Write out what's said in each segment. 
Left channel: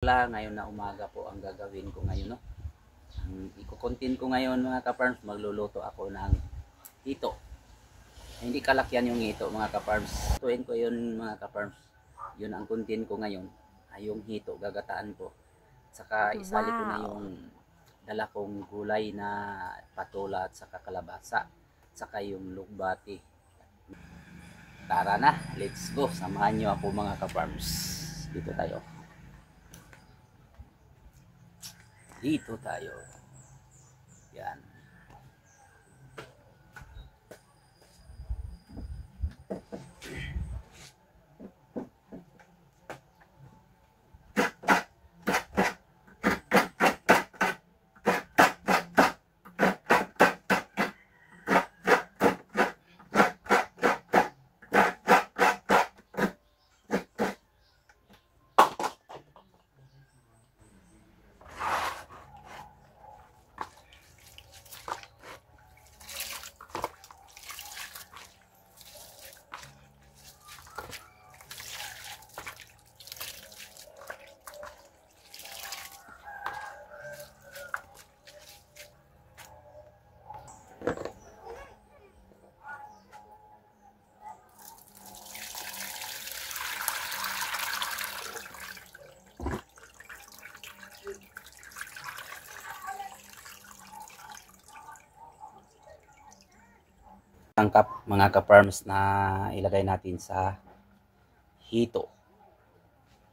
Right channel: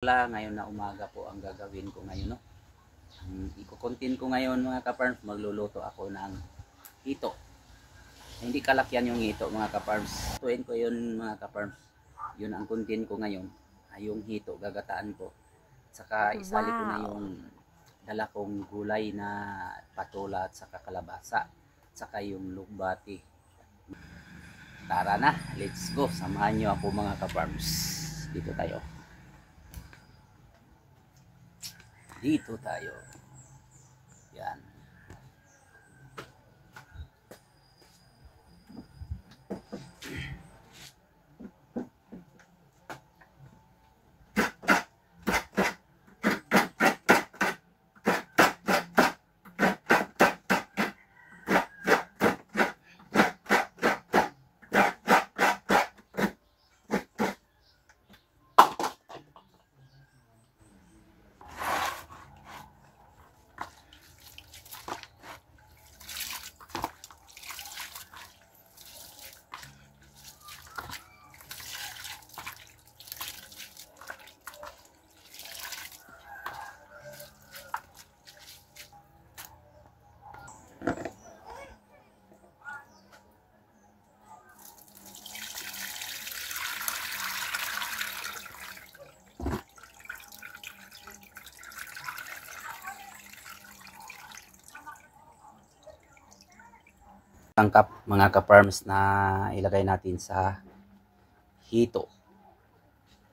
Ngayon na umaga po ang gagawin ko ngayon, no? Ang iko-content ko ngayon mga ka-farms, magluluto ako ng hito. Hindi kalakyan yung hito mga ka-farms. Tuin ko yun mga ka-farms. Yun ang content ko ngayon. Yung hito, gagataan ko. Saka isali ko na yung dala kong gulay na patola at saka kalabasa. Saka yung lugbati. Tara na, let's go. Samahan nyo ako mga ka-farms. Dito tayo. Dito tayo. Yan. Tangkap mga ka-farms na ilagay natin sa hito.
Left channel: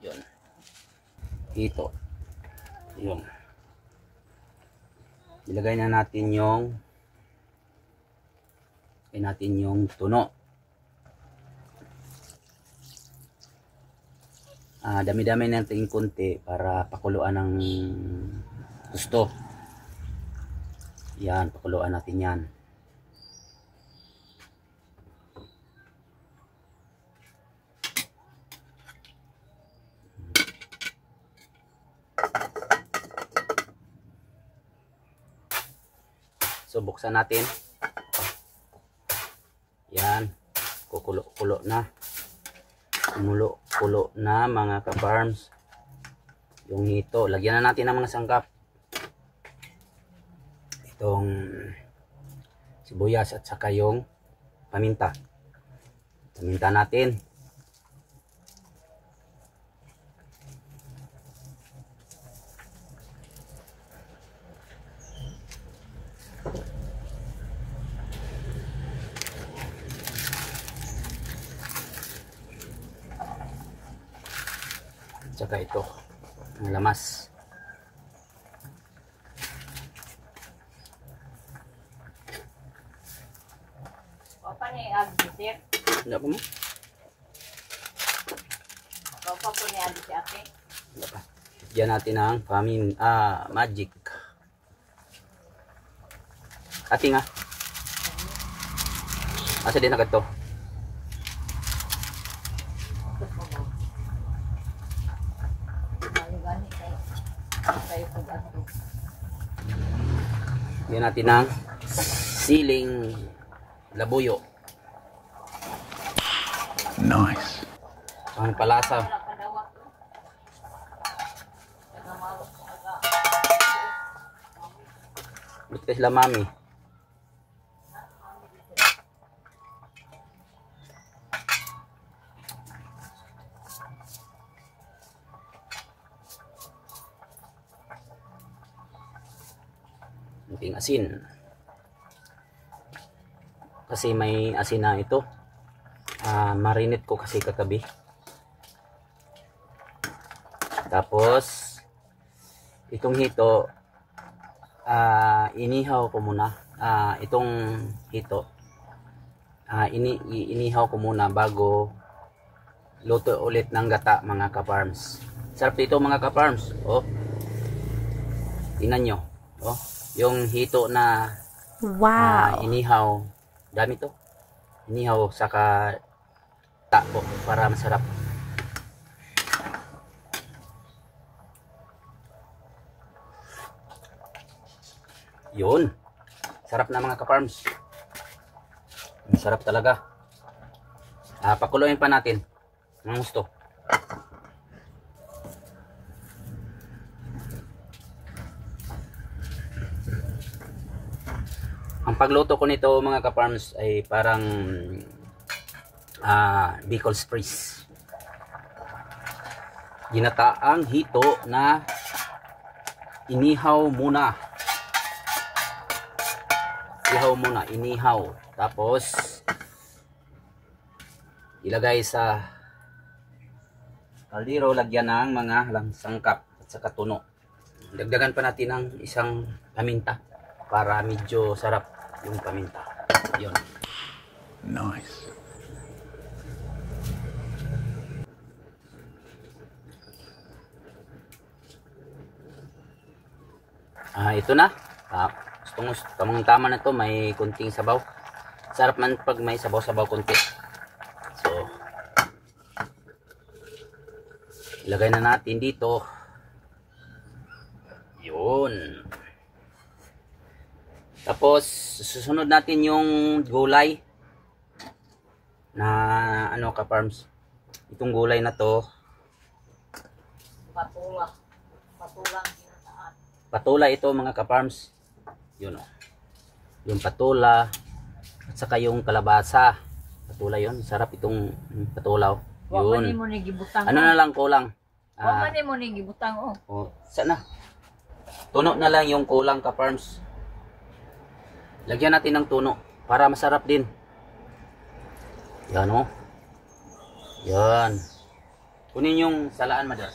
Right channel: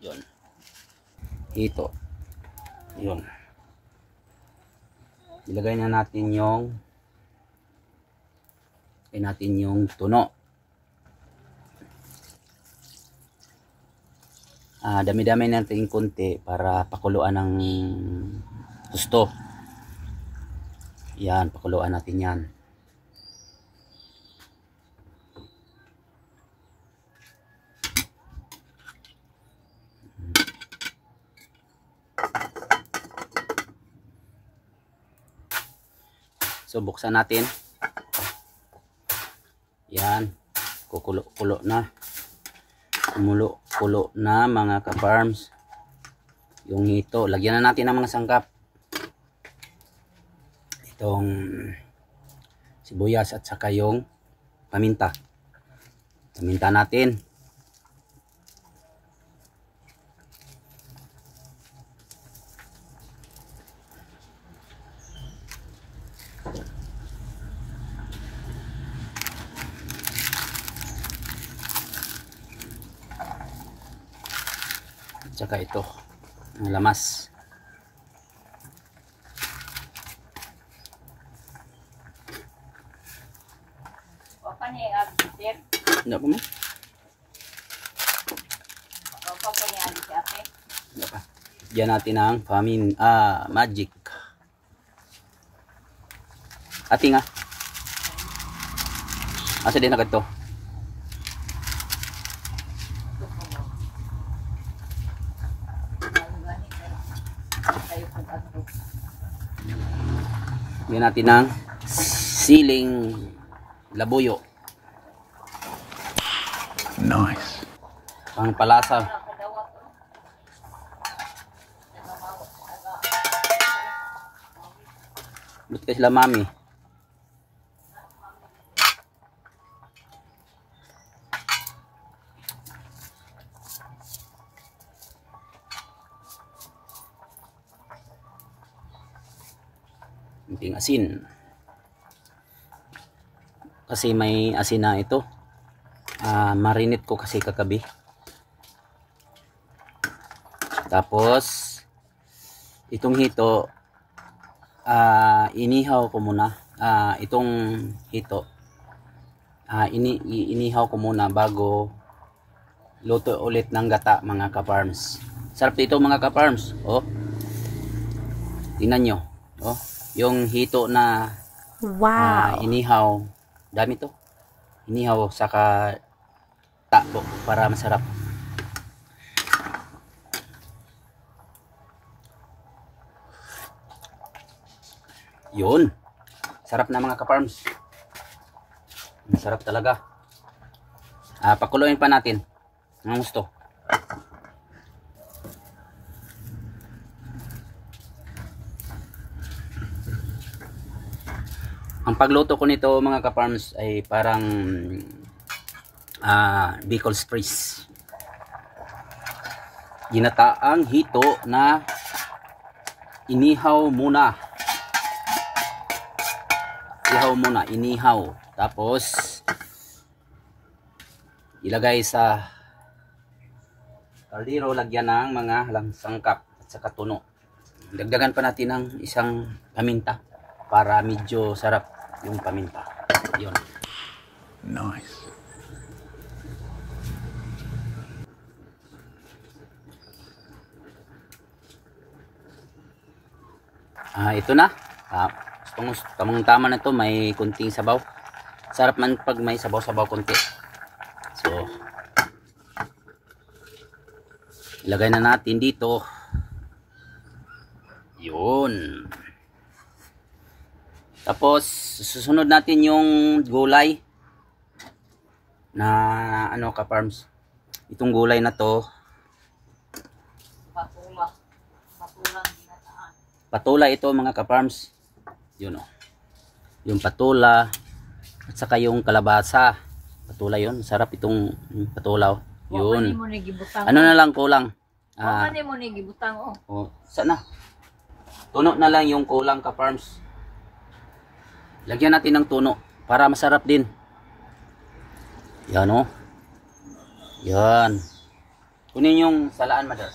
Yun. Hito. Yun. Ilagay na natin yung tuno. Dami-dami natin konti para pakuluan ng gusto. Yan, pakuluan natin yan. So buksan natin. Yan. Kukulo na. Kumulo na mga ka-farms. Yung hito. Lagyan na natin ng mga sangkap. Itong sibuyas at saka yung paminta. Paminta natin. Tsaka ito ang lamas. Opa ni agbitir. Hindi ko mo. Opa ko ni agbitir. Diyan natin ang magic. Ati nga. Asa din na ito. Yan natin ng siling labuyo. Nice. Ang palasa. Buti ka sila mami. Kunting asin. Kasi may asin na ito. Marinate ko kasi kagabi. Tapos itong hito inihaw ko muna. Itong hito inihaw ko muna bago luto ulit ng gata mga ka-farms. Sarap dito mga ka-farms. Oh. Tingnan nyo. Oh. Yung hito na inihaw, dami to. Inihaw saka takbo para masarap. Yun. Sarap na mga ka-farms. Masarap talaga. Pakuluin pa natin. Ang gusto. Ang pagluto ko nito mga ka-farms ay parang Bicol Express. Ginataang hito na inihaw muna. Inihaw. Tapos ilagay sa kaldero, lagyan ng mga sangkap at saka tuno. Dagdagan pa natin ng isang paminta para medyo sarap yung paminta. Yun. Nice. Ito na. Tamang tama na to, may kunting sabaw. Sarap man pag may sabaw-sabaw kunti. So, ilagay na natin dito. Yun. Tapos, susunod natin yung gulay na ka-farms. Itong gulay na to, Patulang ginataan. patula ito mga ka-farms. Yun o. Yung patula at saka yung kalabasa. Patula yun. Sarap itong patulaw. Wa man Yun. mo ni gibutang. Ano na lang kulang? Wa man mo ni gibutang oh. Sana. Tuno na lang yung kulang ka-farms. Lagyan natin ng tuno para masarap din. Yan o. Yan. Kunin yung salaan, madam.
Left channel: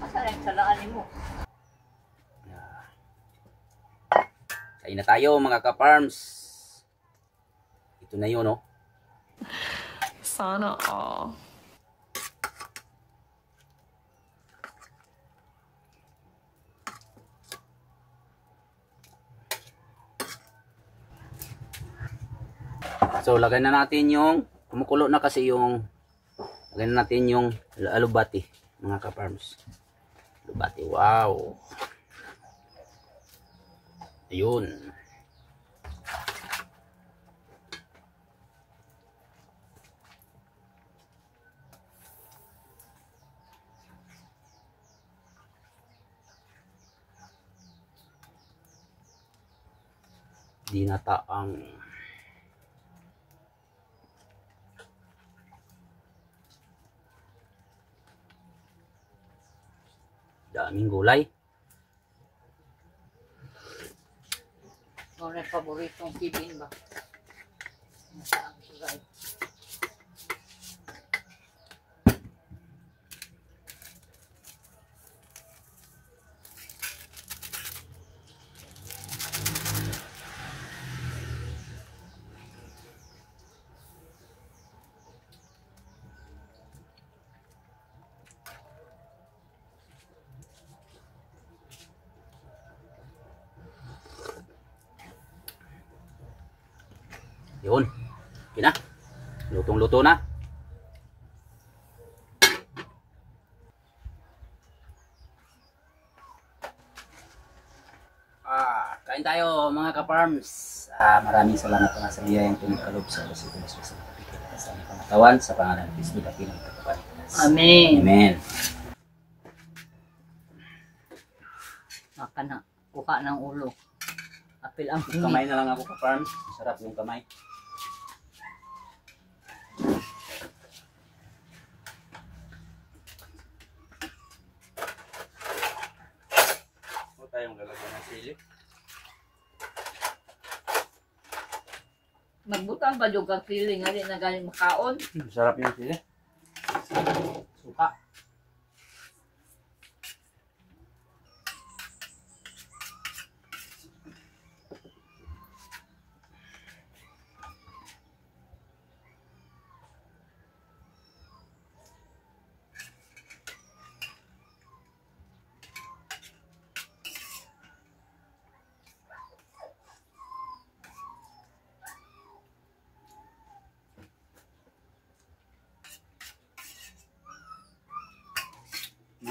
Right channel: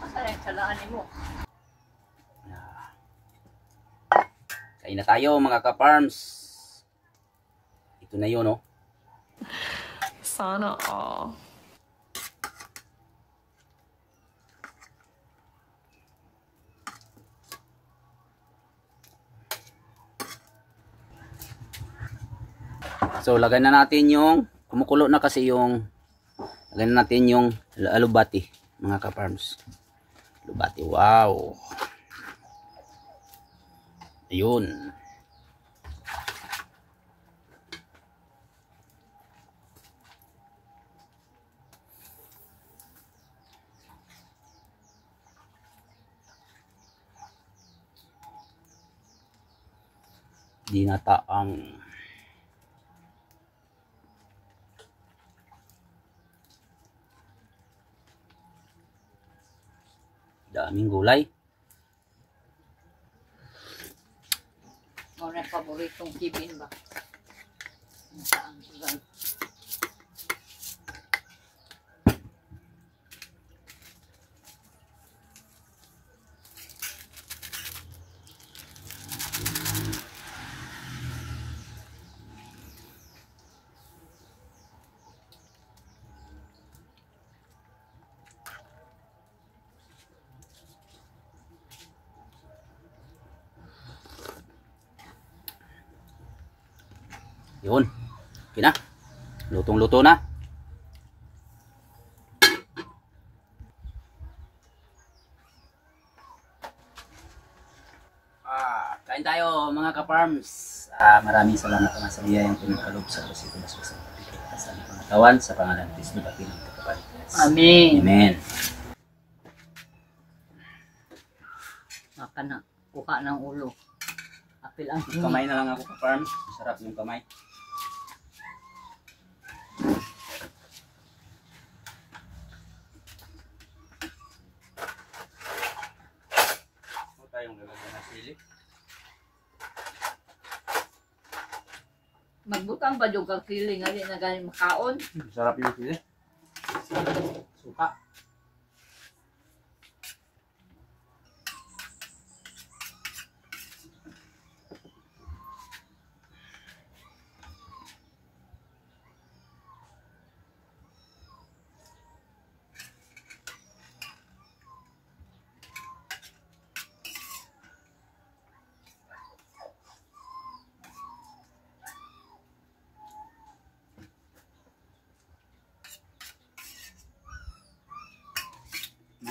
Masarap salaan mo. Kain na tayo mga ka-farms. Ito na yun, no? Sana all. So, lagay na natin yung, kumukulo na kasi yung, lagay na natin yung alubati, mga ka-farms. Alubati, wow. Ayun. Dinataang daming gulay. Mo na paboritong kibin ba? Saan gulay? Yun. Okay na. Lutong-luto na. Kain tayo mga ka-farms. Maraming salamat na sa biyayang pinagkalob sa oras ito. Sa pagkikita ng pangatawan sa pangalan ng Kristo dati ng Tagapagligtas. Amen. Amen. Maka na kuha ng ulo. Apil ang Kamay na lang ako ka-farms. Sarap yung kamay. Huwag tayong lalagyan ng sili. magbutang pa jud kag sili nga di na gani makaon. Sarap yung sili. Suka.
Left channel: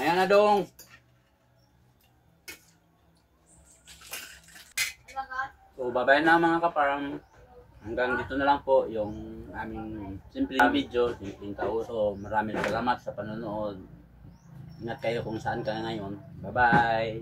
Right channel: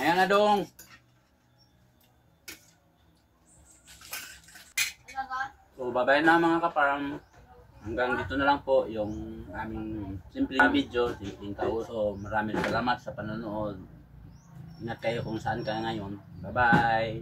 Ayan na dong. So babay na mga kaparang. Hanggang dito na lang po yung aming simpleng video, simpleng kauso. Maraming salamat sa panonood. Ingat kayo kung saan ka ngayon. Bye bye.